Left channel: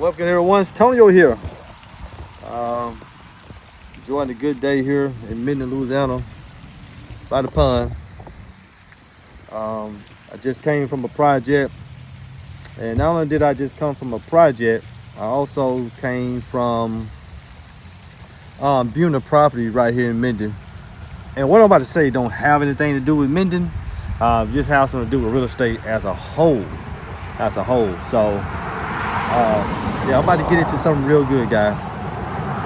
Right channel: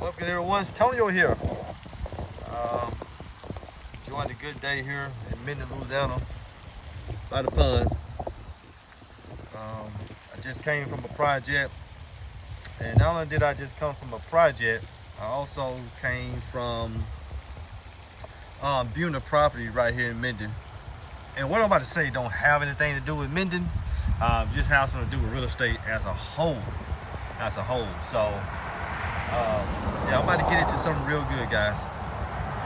Welcome everyone, it's Tonio here. Enjoying a good day here in Minden, Louisiana, by the pond. I just came from a project, and not only did I just come from a project, I also came from viewing a property right here in Minden. And what I'm about to say don't have anything to do with Minden, just has something to do with real estate as a whole. So yeah, I'm about to get into something real good, guys.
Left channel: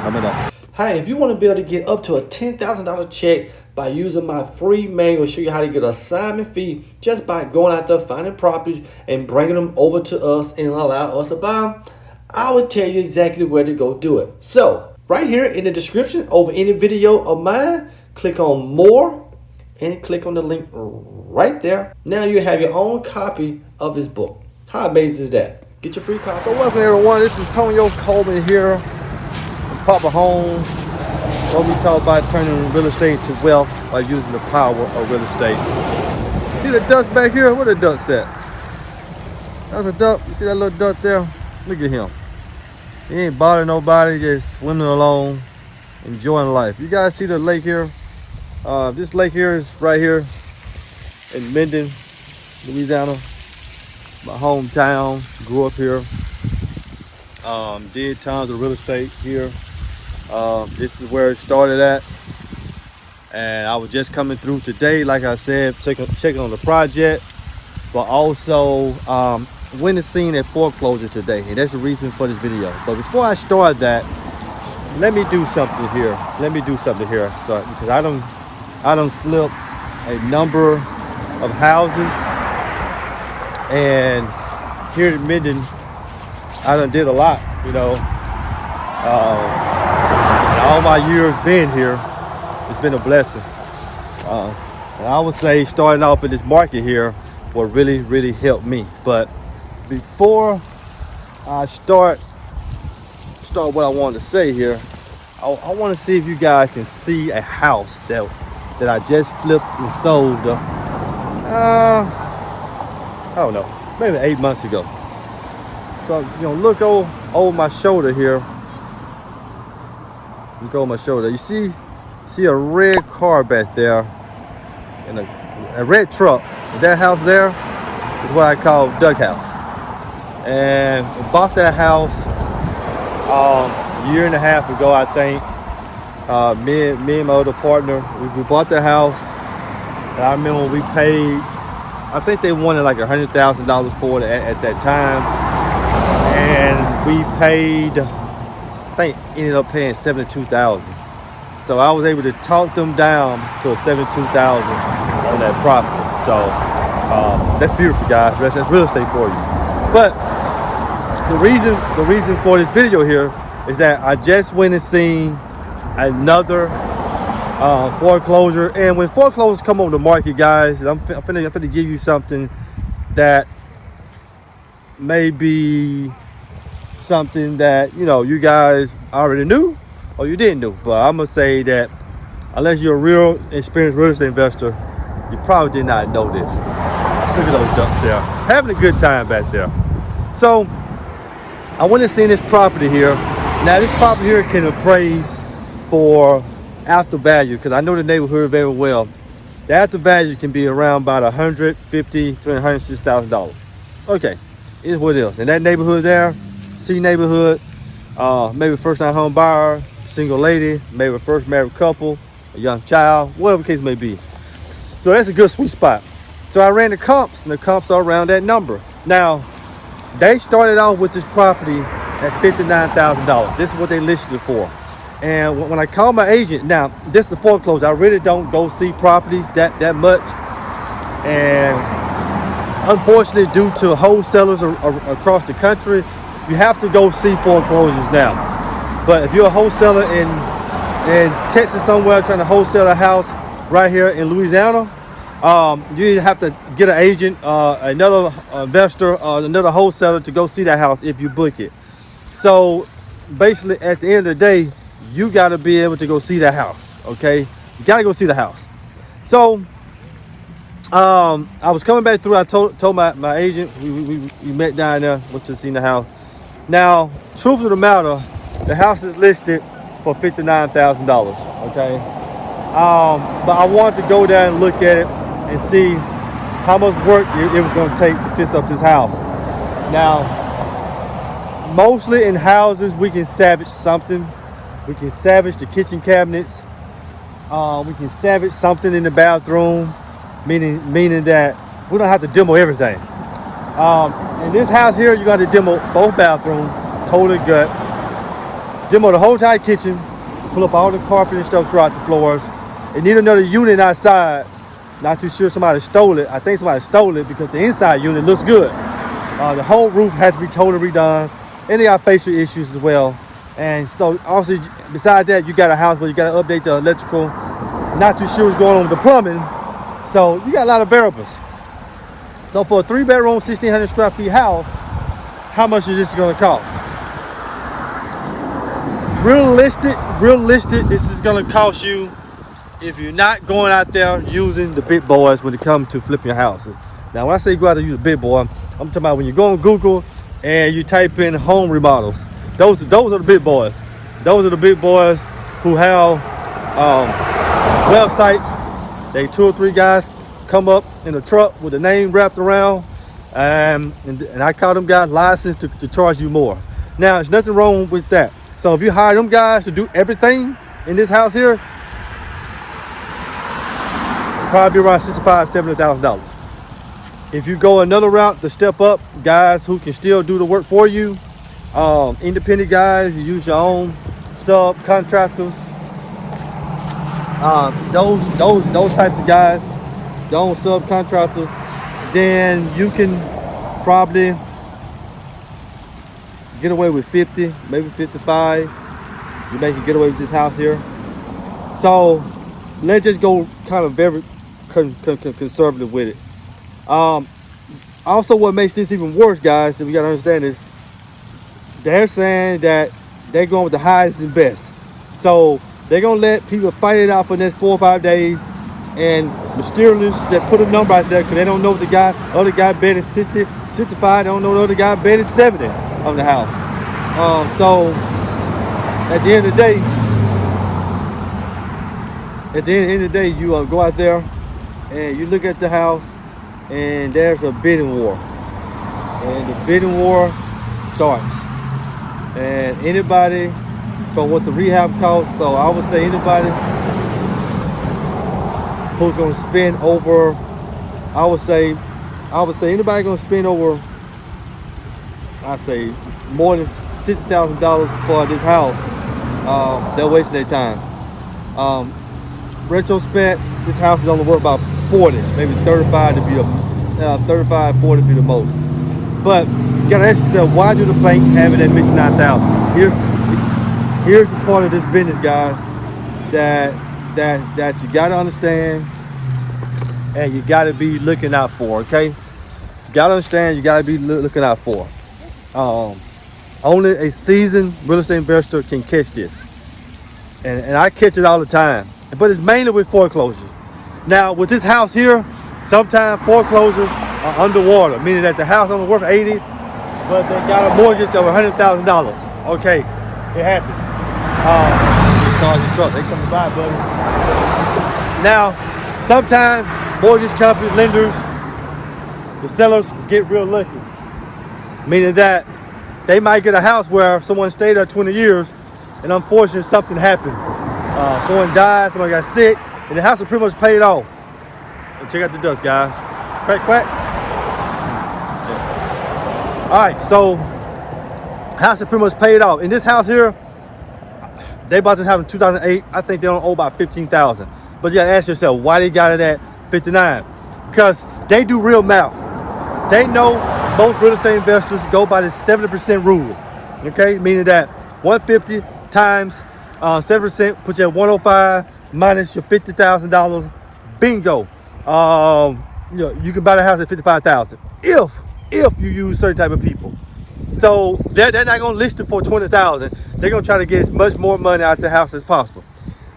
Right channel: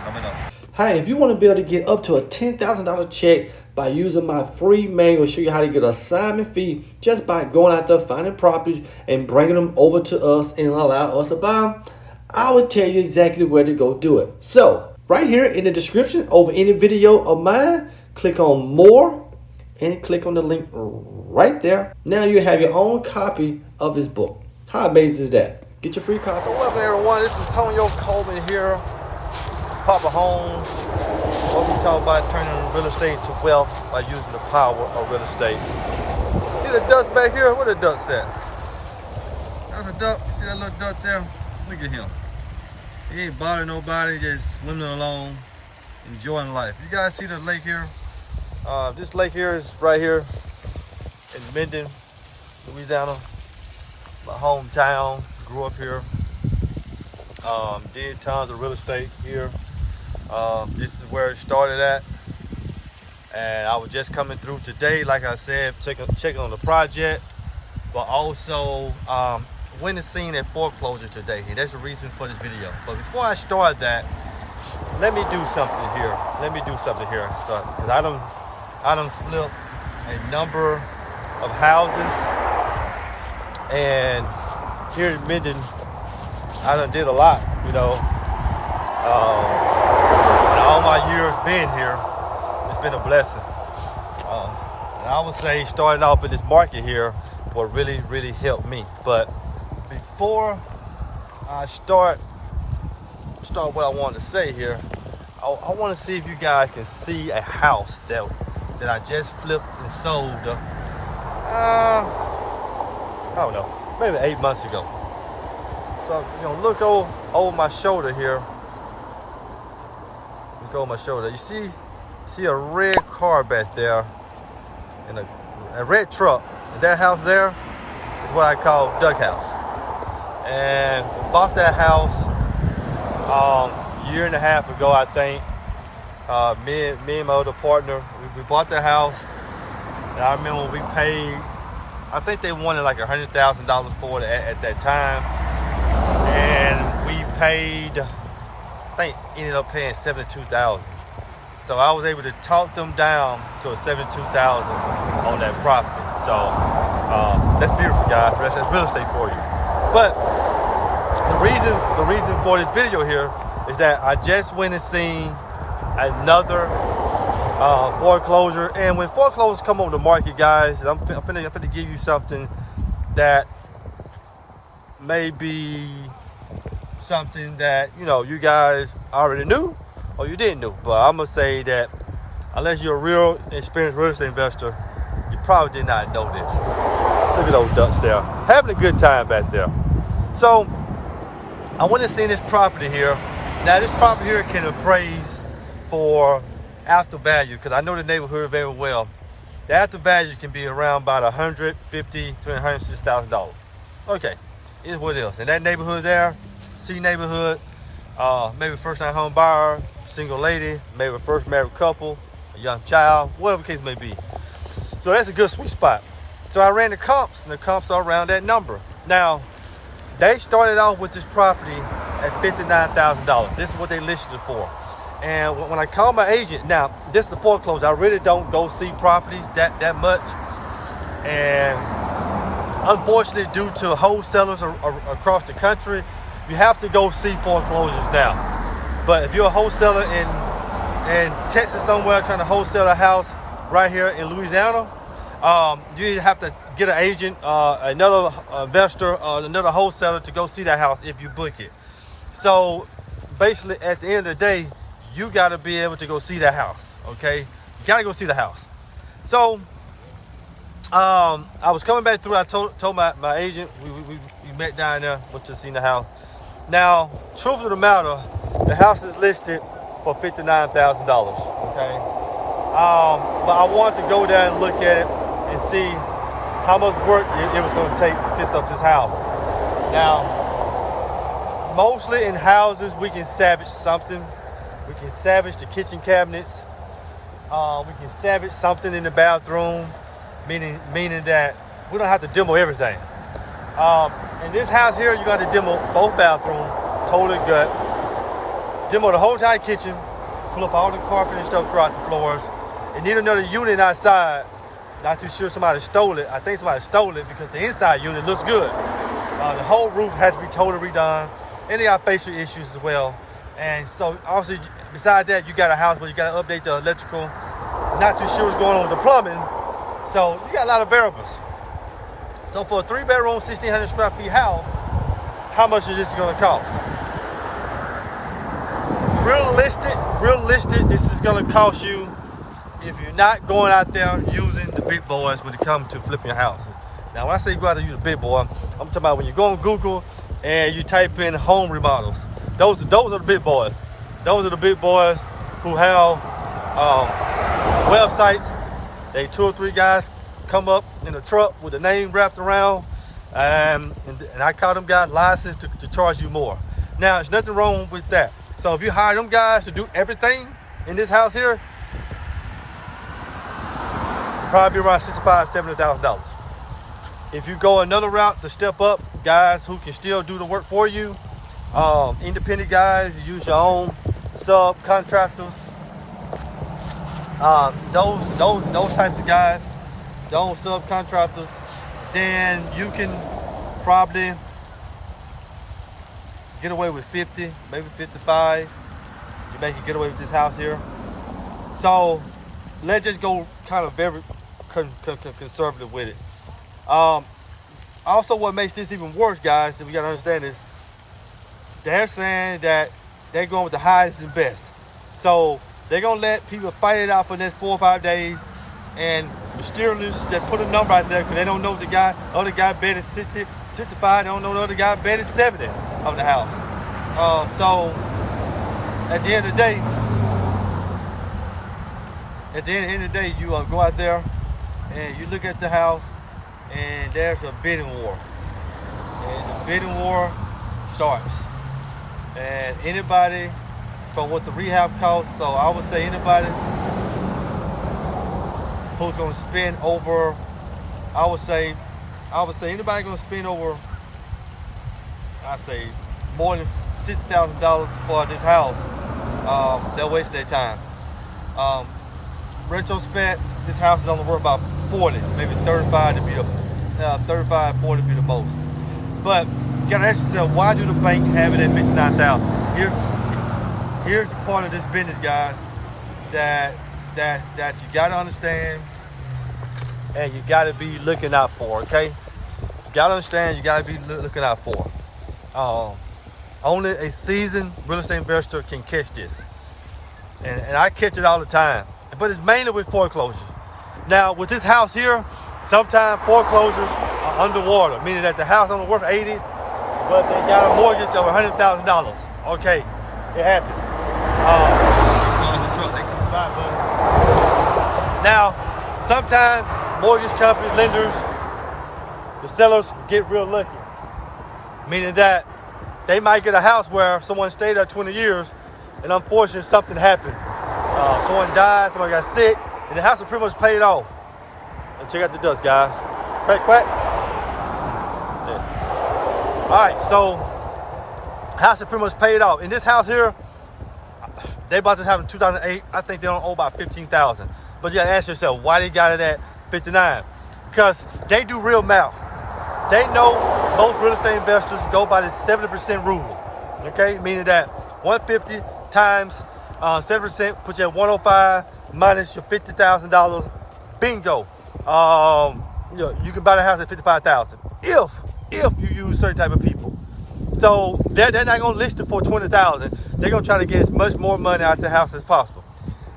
Coming up. Hey, if you want to be able to get up to a $10,000 check by using my free manual, show you how to get an assignment fee just by going out there, finding properties and bringing them over to us and allow us to buy them, I will tell you exactly where to go do it. So right here in the description over any video of mine, click on more and click on the link right there. Now you have your own copy of this book. How amazing is that? Get your free copy. So welcome everyone, this is Tonio Coleman here from Poppa Homes, where we talk about turning real estate into wealth by using the power of real estate. You see the ducks back here? Where the ducks at? That's a duck. You see that little duck there? Look at him. He ain't bothering nobody, just swimming along, enjoying life. You guys see the lake here? This lake here is right here in Minden, Louisiana. My hometown, grew up here. Did tons of real estate here. This is where it started at. And I was just coming through today, like I said, checking on the project, but also went and seen a foreclosure today. And that's the reason for this video. But before I start that, let me do something here. So, because I done flipped a number of houses. And here in Minden, I done did a lot, you know. And all my years being here, it's been a blessing. And I would say starting off in this market here will really, really help me. But before I start what I wanted to say here, I want to see if you guys can see a house that I just flipped and sold. I don't know, maybe 8 months ago. So, you know, look over my shoulder here. Look over my shoulder. You see a red car back there and a red truck. That house there is what I call Duck House. And we bought that house a year and a half ago, I think. Me and my other partner, we bought the house. And I remember when we paid, I think they wanted like $100,000 for it at that time. And we paid, I think ended up paying $72,000. So I was able to talk them down to a $72,000 on that property. So that's beautiful, guys. That's real estate for you. But the reason for this video here is that I just went and seen another foreclosure. And when foreclosures come on the market, guys, I'm finna give you something that may be something that, you know, you guys already knew or you didn't know. But I'm gonna say that unless you're a real experienced real estate investor, you probably did not know this. Look at those ducks there, having a good time back there. So I went and seen this property here. Now this property here can appraise for after value, because I know the neighborhood very well. The after value can be around about $150,000 to $106,000. Okay, is what it is. In that neighborhood there, C neighborhood, maybe first-time home buyer, single lady, maybe a first married couple, a young child, whatever the case may be. So that's a good sweet spot. So I ran the comps, and the comps are around that number. Now, they started off with this property at $59,000. This is what they listed it for. And when I called my agent, now this is the foreclosure. I really don't go see properties that much. And unfortunately, due to wholesalers across the country, you have to go see foreclosures now. But if you're a wholesaler in Texas somewhere trying to wholesale a house right here in Louisiana, you either have to get an agent, another investor, or another wholesaler to go see that house if you book it. So basically, at the end of the day, you got to be able to go see that house, okay? You got to go see the house. So I was coming back through. I told my agent, we met down there, went to see the house. Now, truth of the matter, the house is listed for $59,000. Okay, but I wanted to go there and look at it and see how much work it was going to take to fix up this house. Now, mostly in houses, we can salvage something. We can salvage the kitchen cabinets. We can salvage something in the bathroom, meaning that we don't have to demo everything. In this house here, you got to demo both bathrooms, totally gut. Demo the whole entire kitchen, pull up all the carpet and stuff throughout the floors. It need another unit outside. Not too sure somebody stole it. I think somebody stole it because the inside unit looks good. The whole roof has to be totally redone. And they got facial issues as well. And so obviously, besides that, you got a house where you got to update the electrical. Not too sure what's going on with the plumbing. So you got a lot of variables. So for a 3-bedroom, 1,600 square feet house, how much is this going to cost? Realistic, this is going to cost you, if you're not going out there using the big boys when it comes to flipping your house. Now, when I say go out there and use a big boy, I'm talking about when you go on Google and you type in home remodels. Those are the big boys. Those are the big boys who have websites. They 2 or 3 guys come up in a truck with a name wrapped around, and I call them guys licensed to charge you more. Now, there's nothing wrong with that. So if you hire them guys to do everything in this house here, it'll probably be around $65,000, $70,000. If you go another route to step up, guys who can still do the work for you, independent guys, you use your own subcontractors, those types of guys, your own subcontractors, then you can probably get away with 50, maybe 55. You may can get away with this house here. So let's just go kind of very conservative with it. Also, what makes this even worse, guys, and we gotta understand is they're saying that they're going with the highest and best. So they're gonna let people fight it out for the next 4 or 5 days, and mysterious that put a number out there because they don't know what the other guy bet is 60, 65. They don't know the other guy bet is 70 on the house. So at the end of the day, you go out there and you look at the house, and there's a bidding war, and the bidding war starts. And anybody from what the rehab costs, so I would say anybody who's going to spend over, I would say anybody going to spend over, I say more than $60,000 for this house, they're wasting their time. Retrospect, this house is only worth about 40, maybe 35 to be 35, 40 to be the most. But you gotta ask yourself, why do the bank have it at $59,000? Here's the part of this business, guys, that you gotta understand and you gotta be looking out for. Okay, you gotta understand, you gotta be looking out for. Only a seasoned real estate investor can catch this, and I catch it all the time. But it's mainly with foreclosures. Now, with this house here, sometimes foreclosures are underwater, meaning that the house only worth 80, but they got a mortgage of $100,000. Okay, it happens. Cars and trucks, they come to buy, buddy. Now, sometimes mortgage companies, lenders, the sellers get real lucky, meaning that they might get a house where someone stayed there 20 years, and unfortunately something happened. Someone died, somebody got sick, and the house is pretty much paid off. And check out the dust, guys. Crack, crack. Yeah. All right, so house is pretty much paid off. In this house here, they bought this house in 2008. I think they don't owe about $15,000. But you gotta ask yourself, why they got it at 59? Because they do real math. They know most real estate investors go by the 70% rule. Okay, meaning that 150 times 7% puts you at 105 minus your $50,000. Bingo. You can buy the house at $55,000 if you use certain type of people. So they're not gonna list it for $20,000. They're gonna try to get as much more money out of the house as possible.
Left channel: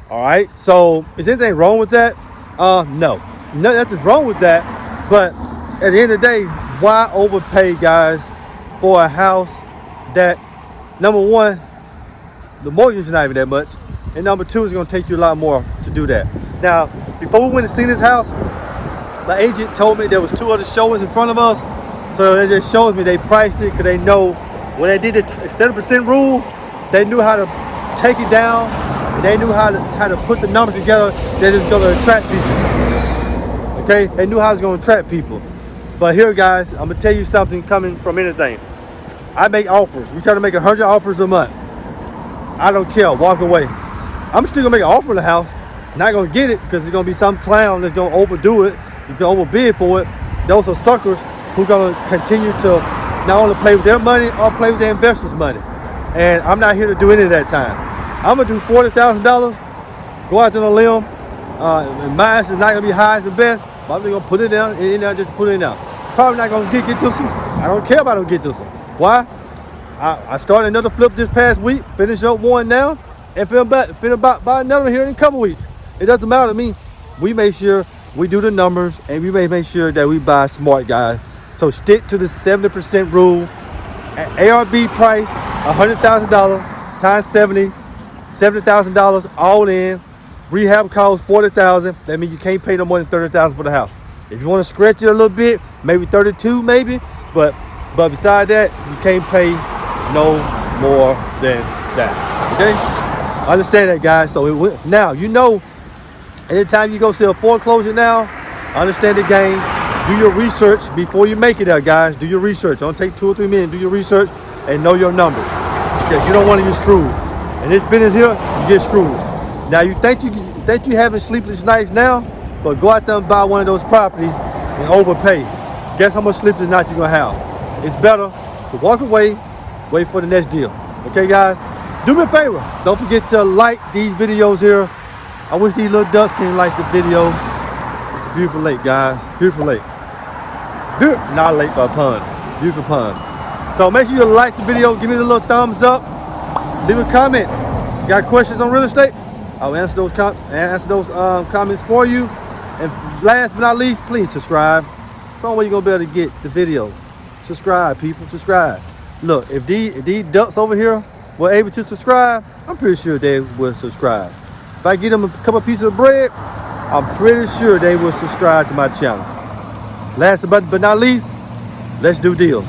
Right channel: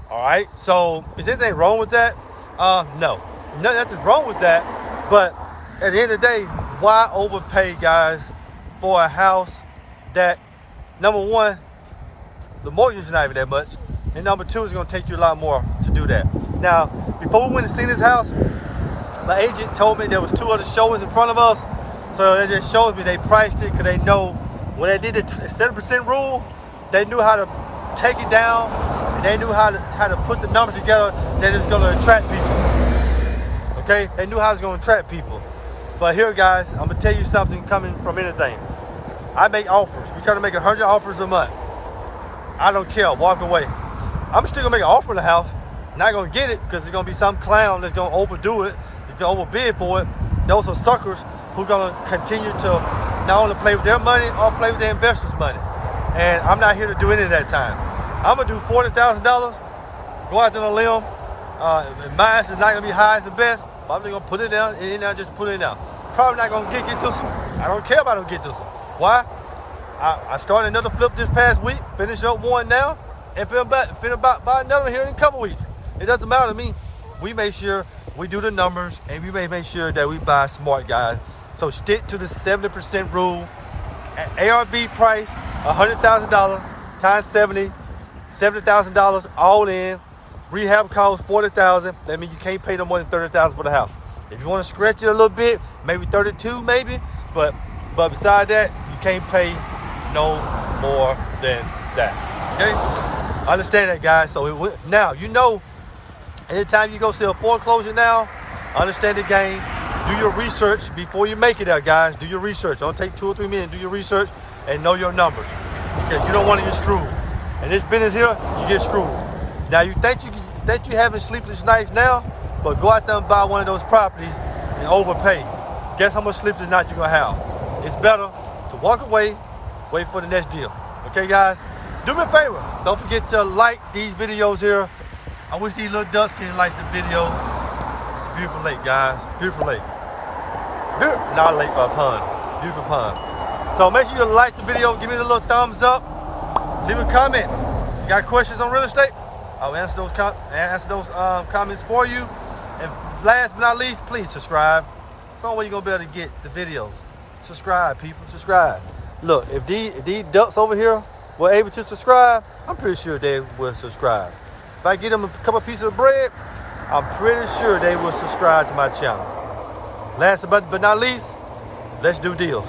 All right. So is anything wrong with that? No, nothing's wrong with that. But at the end of the day, why overpay, guys, for a house that, number one, the mortgage is not even that much. And number two, it's gonna take you a lot more to do that. Now, before we went to see this house, my agent told me there was 2 other showings in front of us. So that just shows me they priced it because they know when they did the 7% rule, they knew how to take it down and they knew how to put the numbers together that is gonna attract people. Okay, they knew how it's gonna attract people. But here, guys, I'm gonna tell you something coming from anything. I make offers. We try to make 100 offers a month. I don't care, walk away. I'm still gonna make an offer in the house. Not gonna get it because there's gonna be some clown that's gonna overdo it, to overbid for it. Those are suckers who gonna continue to not only play with their money or play with their investors' money. And I'm not here to do any of that time. I'm gonna do $40,000, go out to the limb, and mine is not gonna be high as the best, but I'm just gonna put it down in there, just put it in there. Probably not gonna get this one. I don't care if I don't get this one. Why? I started another flip this past week, finished up one now, and finna buy another here in a couple weeks. It doesn't matter to me. We make sure we do the numbers, and we may make sure that we buy smart, guys. So stick to the 70% rule. ARV price, $100,000 times 70, $70,000 all in. Rehab costs $40,000. That means you can't pay no more than $30,000 for the house. If you want to stretch it a little bit, maybe 32, maybe. But beside that, you can't pay no more than that. Okay? Understand that, guys. So now you know. Anytime you go see a foreclosure now, understand the game. Do your research before you make it there, guys. Do your research. Don't take 2 or 3 minutes. Do your research and know your numbers. Because you don't want to get screwed. In this business here, you get screwed. Now you think you having sleepless nights now, but go out there and buy one of those properties and overpay. Guess how much sleepless nights you're gonna have. It's better to walk away, wait for the next deal. Okay, guys? Do me a favor. Don't forget to like these videos here. I wish these little ducks can like the video. It's a beautiful lake, guys. Beautiful lake. Not a lake, but a pond. Beautiful pond. So make sure you like the video. Give me a little thumbs up. Leave a comment. You got questions on real estate? I'll answer those comments for you. And last but not least, please subscribe. It's the only way you're gonna be able to get the videos. Subscribe, people. Subscribe. Look, if these ducks over here were able to subscribe, I'm pretty sure they will subscribe. If I get them a couple pieces of bread, I'm pretty sure they will subscribe to my channel. Last but not least, let's do deals.